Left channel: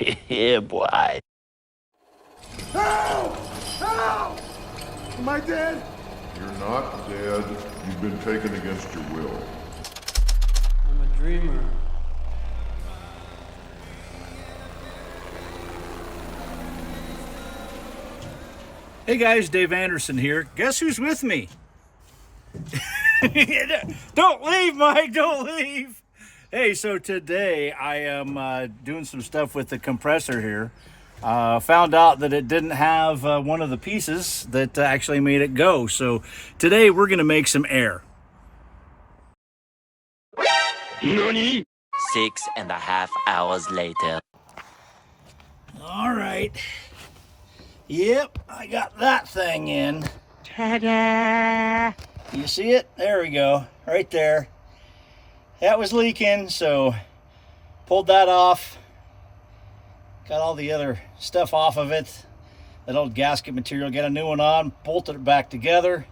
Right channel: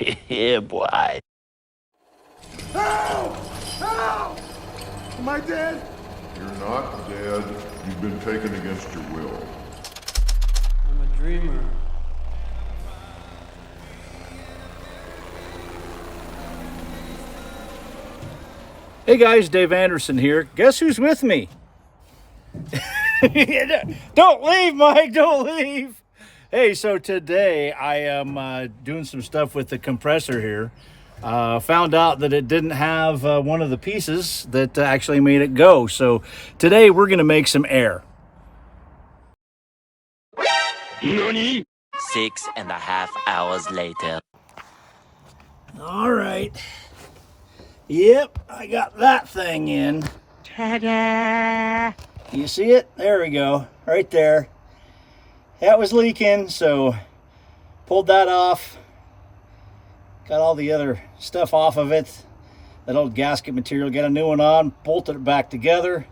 Yeah, boy. Help! Help! Am I dead? You're not dead. You've been taken against your will. I'm a dreamer. Hey guys, Dave Anderson here. Guess who's with me? Don't leave, Mike, don't leave. Hey, so today I am doing some stuff with the compressor here. Found out that it didn't have one of the pieces that actually made it go. So today we're gonna make some air. Nani? 6.5 hours later. All right. Yep, I got that thing in. Ta-da! You see it? There we go, right there. That was leaking, so pulled that off. Got all the other stuff off of it. That old gasket material, got a new one on, bolted it back together.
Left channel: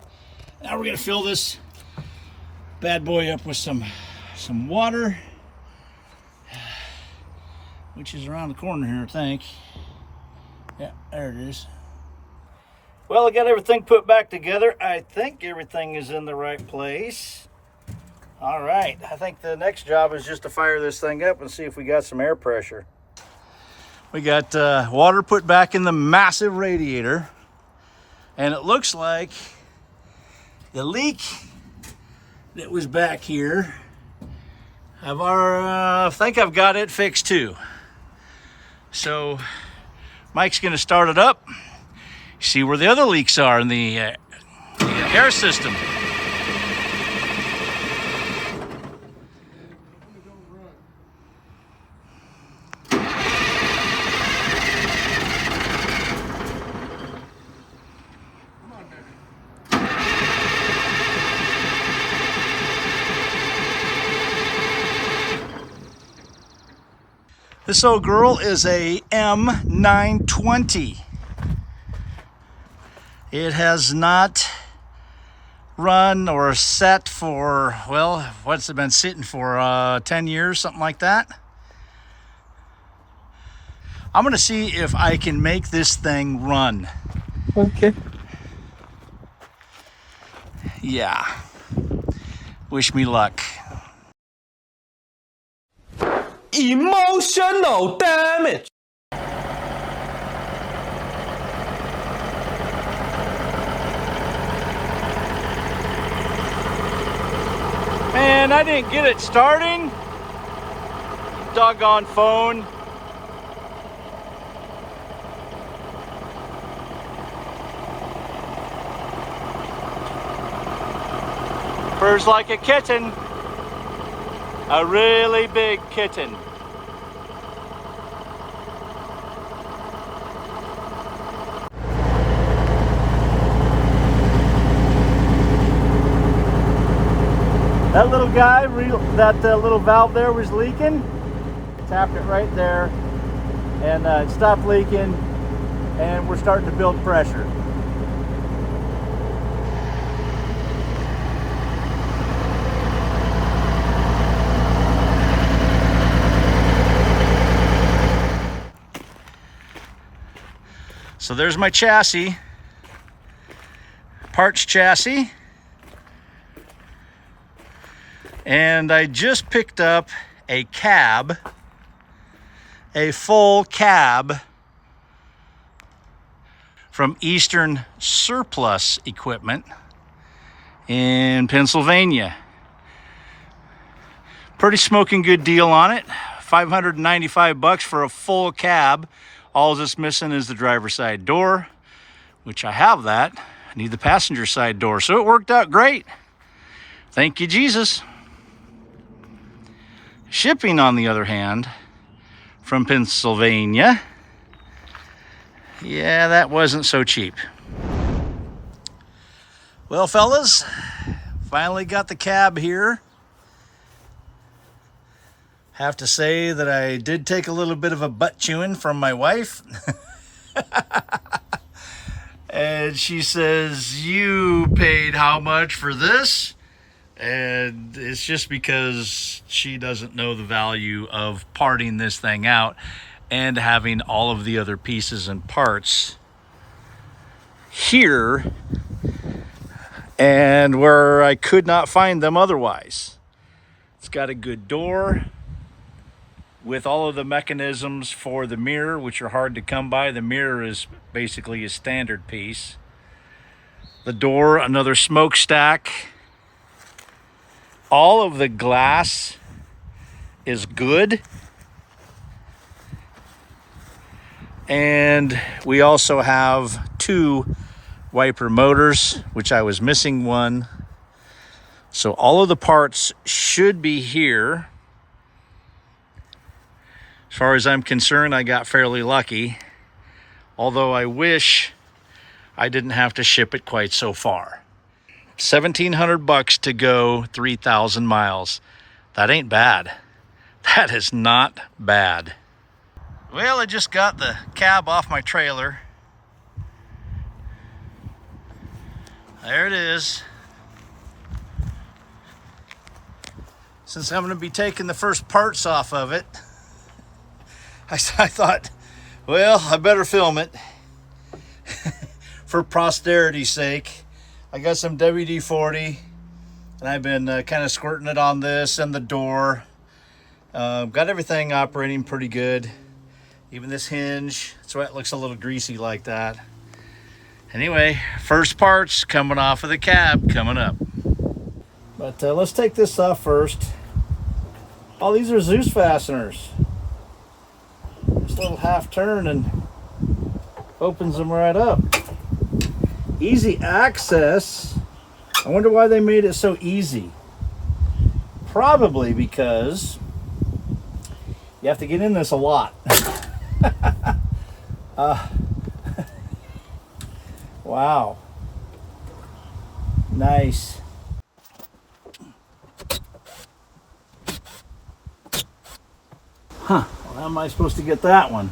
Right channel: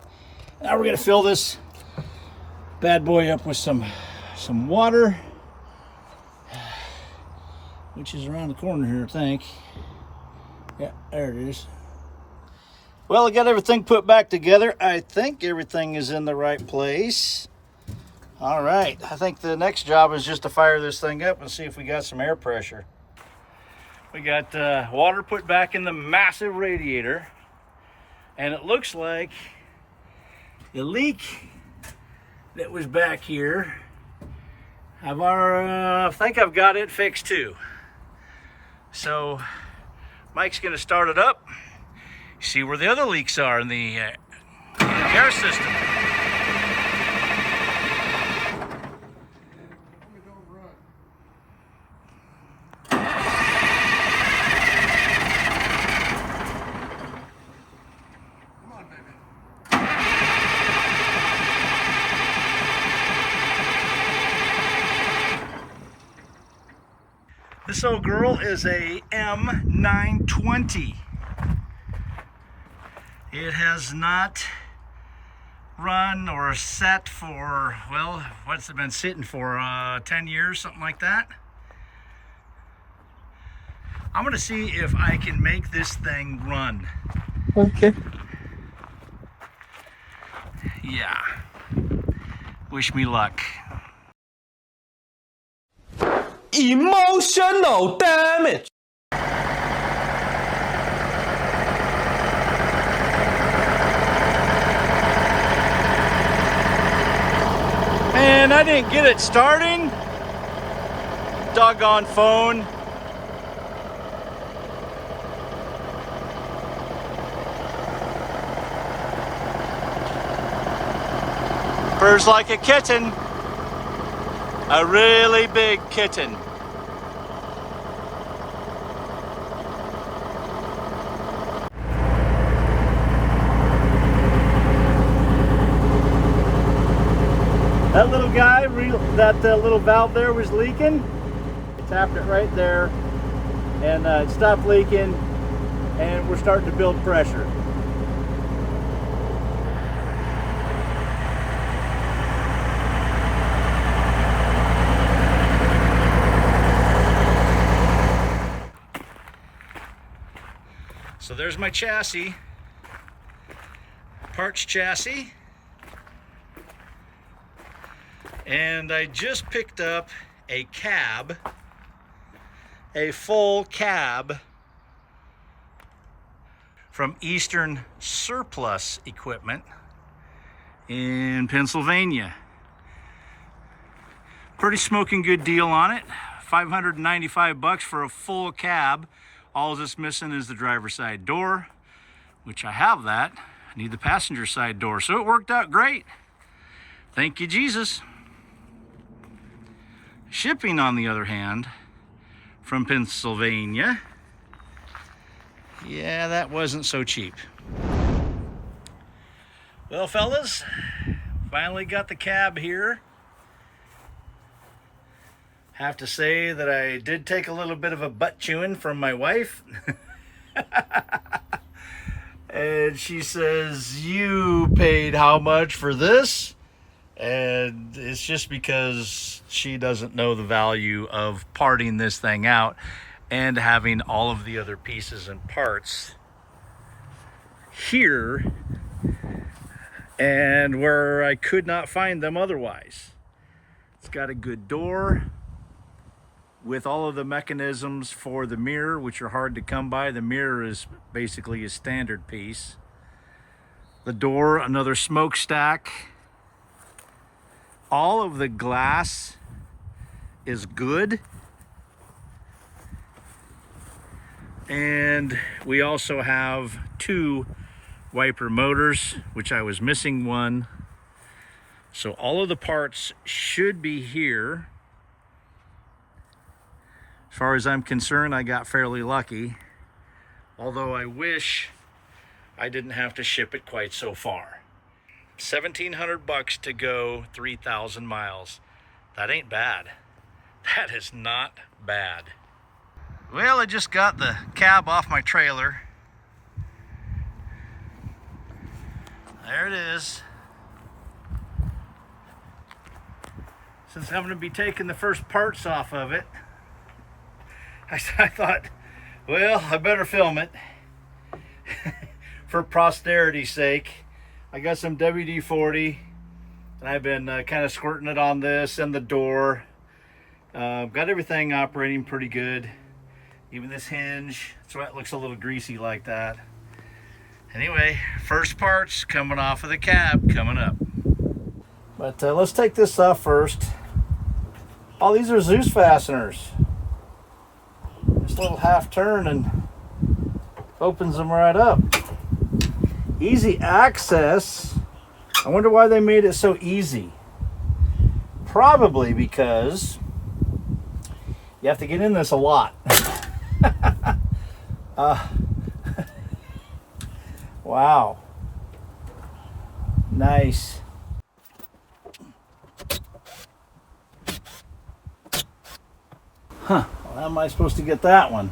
Now we're gonna fill this bad boy up with some water, which is around the corner here, I think. Yeah, there it is. Well, I got everything put back together. I think everything is in the right place. All right, I think the next job is just to fire this thing up and see if we got some air pressure. We got water put back in the massive radiator, and it looks like the leak that was back here, I think I've got it fixed too. So Mike's gonna start it up, see where the other leaks are in the air system. This old girl is a M920. It has not run or set for, well, what's it been sitting for, 10 years, something like that. I'm gonna see if I can make this thing run. Okay. Yeah. Wish me luck. Emotional damage. Man, I didn't get it starting. Doggone phone. Purrs like a kitten. A really big kitten. That little guy, that little valve there was leaking. Tapped it right there, and it stopped leaking, and we're starting to build pressure. So there's my chassis, parts chassis. And I just picked up a cab, a full cab from Eastern Surplus Equipment in Pennsylvania. Pretty smoking good deal on it. $595 for a full cab. All that's missing is the driver's side door, which I have that. I need the passenger side door, so it worked out great. Thank you, Jesus. Shipping, on the other hand, from Pennsylvania, yeah, that wasn't so cheap. Well, fellas, finally got the cab here. Have to say that I did take a little bit of a butt chewing from my wife. And she says, "You paid how much for this?" And it's just because she doesn't know the value of parting this thing out. and having all of the other pieces and parts here and where I could not find them otherwise. It's got a good door with all of the mechanisms for the mirror, which are hard to come by. The mirror is basically a standard piece. The door, another smokestack. All of the glass is good. And we also have 2 wiper motors, which I was missing one. So all of the parts should be here. As far as I'm concerned, I got fairly lucky. Although I wish I didn't have to ship it quite so far. $1,700 to go 3,000 miles. That ain't bad. That is not bad. Well, I just got the cab off my trailer. There it is. Since I'm going to be taking the first parts off of it, I thought, well, I better film it for posterity's sake. I got some WD-40 and I've been kind of squirting it on this and the door. Got everything operating pretty good. Even this hinge, that's why it looks a little greasy like that. Anyway, first parts coming off of the cab coming up. But let's take this off first. Oh, these are Zeus fasteners. This little half turn and opens them right up. Easy access. I wonder why they made it so easy. Probably because you have to get in this a lot. Wow. Nice. Huh. Well, how am I supposed to get that one?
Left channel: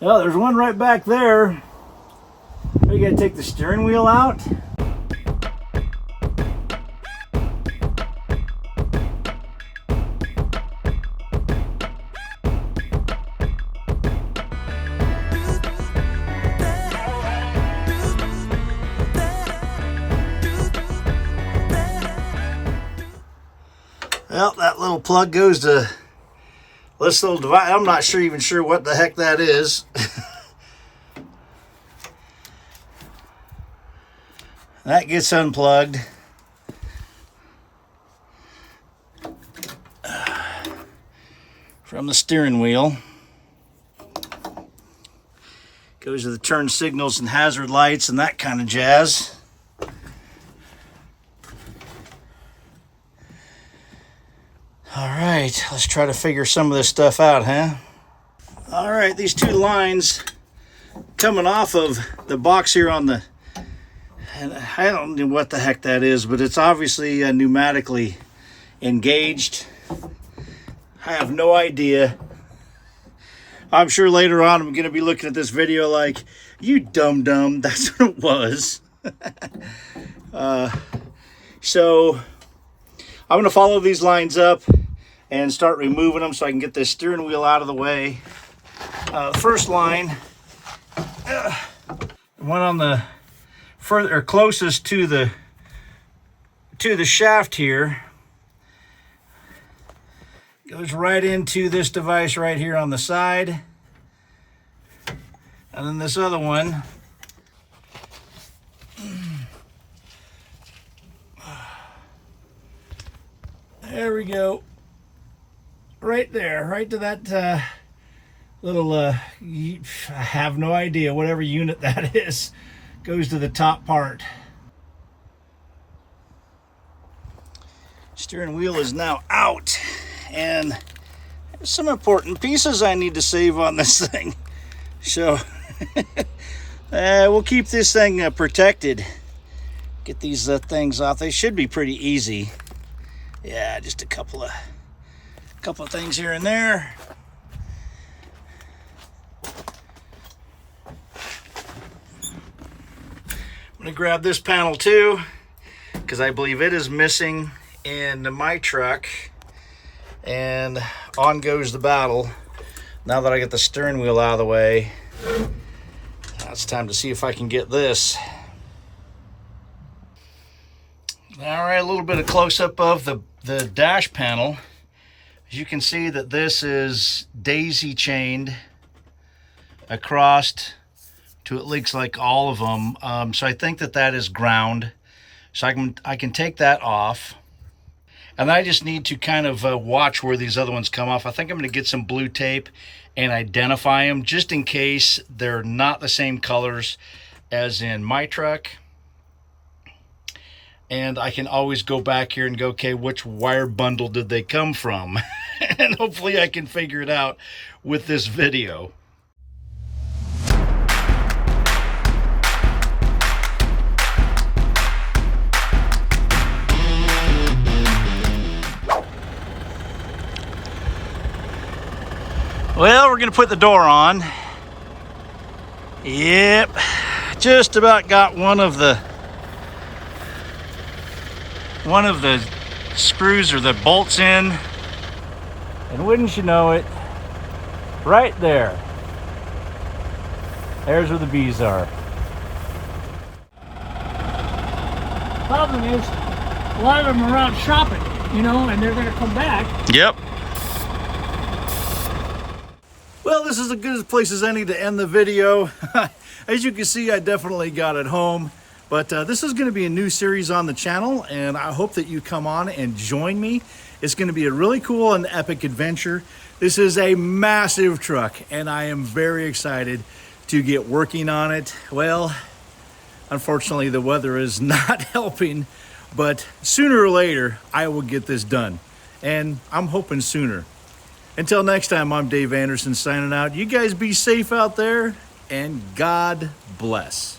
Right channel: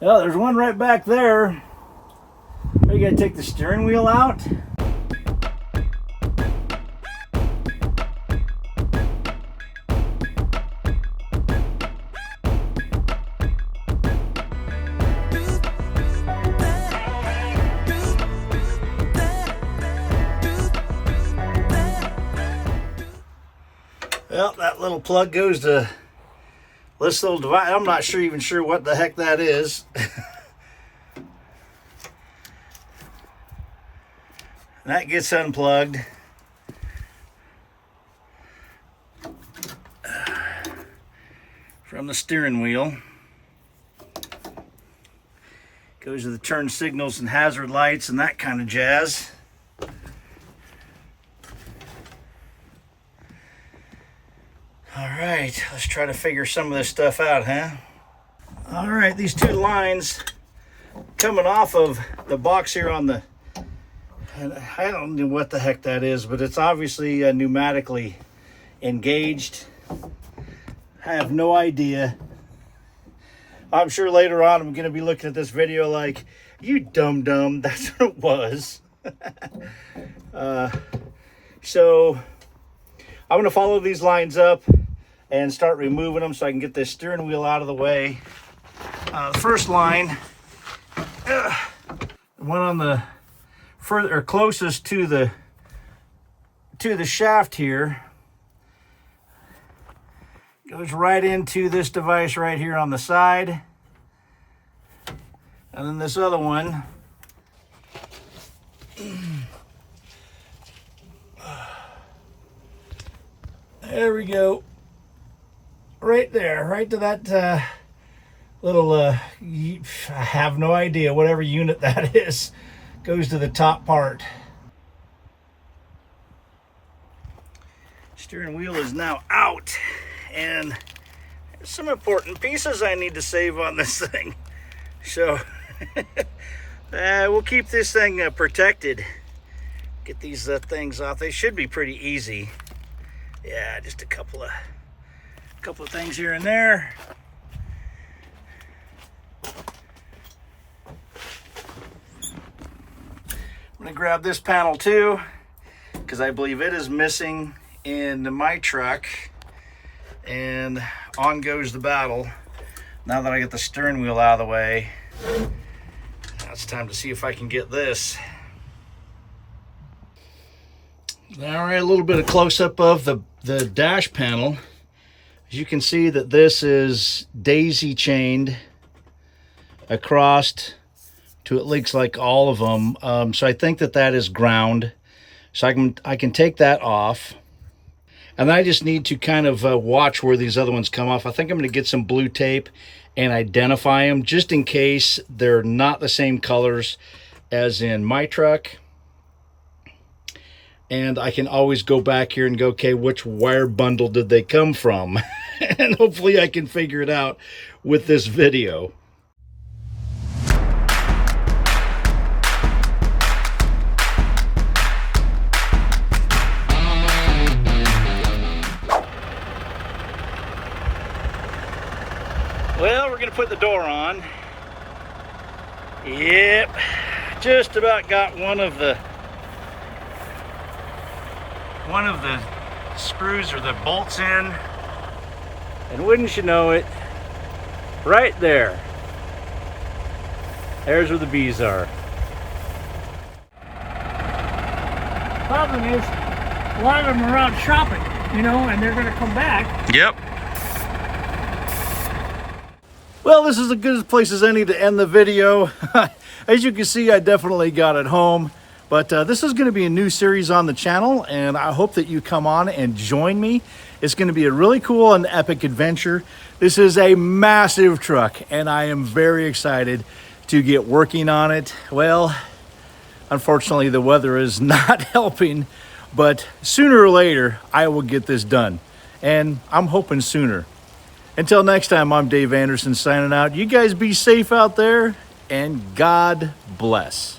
Well, there's one right back there. You gotta take the steering wheel out. Well, that little plug goes to this little device. I'm not even sure what the heck that is. That gets unplugged. From the steering wheel. Goes to the turn signals and hazard lights and that kind of jazz. Alright, let's try to figure some of this stuff out, huh? Alright, these 2 lines coming off of the box here on the... And I don't know what the heck that is, but it's obviously pneumatically engaged. I have no idea. I'm sure later on I'm going to be looking at this video like, you dum-dum, that's what it was. So I'm going to follow these lines up and start removing them so I can get this steering wheel out of the way. The first line, the one on the further or closest to the shaft here, goes right into this device right here on the side. And then this other one there we go. Right there, right to that little, I have no idea, whatever unit that is, goes to the top part. Steering wheel is now out, and there's some important pieces I need to save on this thing. So, we'll keep this thing protected. Get these things off. They should be pretty easy. Yeah, just a couple of things here and there. I'm gonna grab this panel too, because I believe it is missing into my truck, and on goes the battle. Now that I get the steering wheel out of the way, now it's time to see if I can get this. All right, a little bit of close-up of the dash panel. As you can see that this is daisy chained across to, it looks like, all of them. So I think that is ground. So I can take that off. And I just need to kind of watch where these other ones come off. I think I'm going to get some blue tape and identify them just in case they're not the same colors as in my truck. And I can always go back here and go, okay, which wire bundle did they come from? And hopefully I can figure it out with this video. Well, we're gonna put the door on. Yep, just about got one of the screws or the bolts in. And wouldn't you know it, right there's where the bees are. Problem is, a lot of them are out shopping, you know, and they're gonna come back. Yep. Well, this is as good a place as any to end the video. As you can see, I definitely got it home. But this is going to be a new series on the channel, and I hope that you come on and join me. It's going to be a really cool and epic adventure. This is a massive truck, and I am very excited to get working on it. Well, unfortunately, the weather is not helping, but sooner or later, I will get this done. And I'm hoping sooner. Until next time, I'm Dave Anderson signing out. You guys be safe out there, and God bless.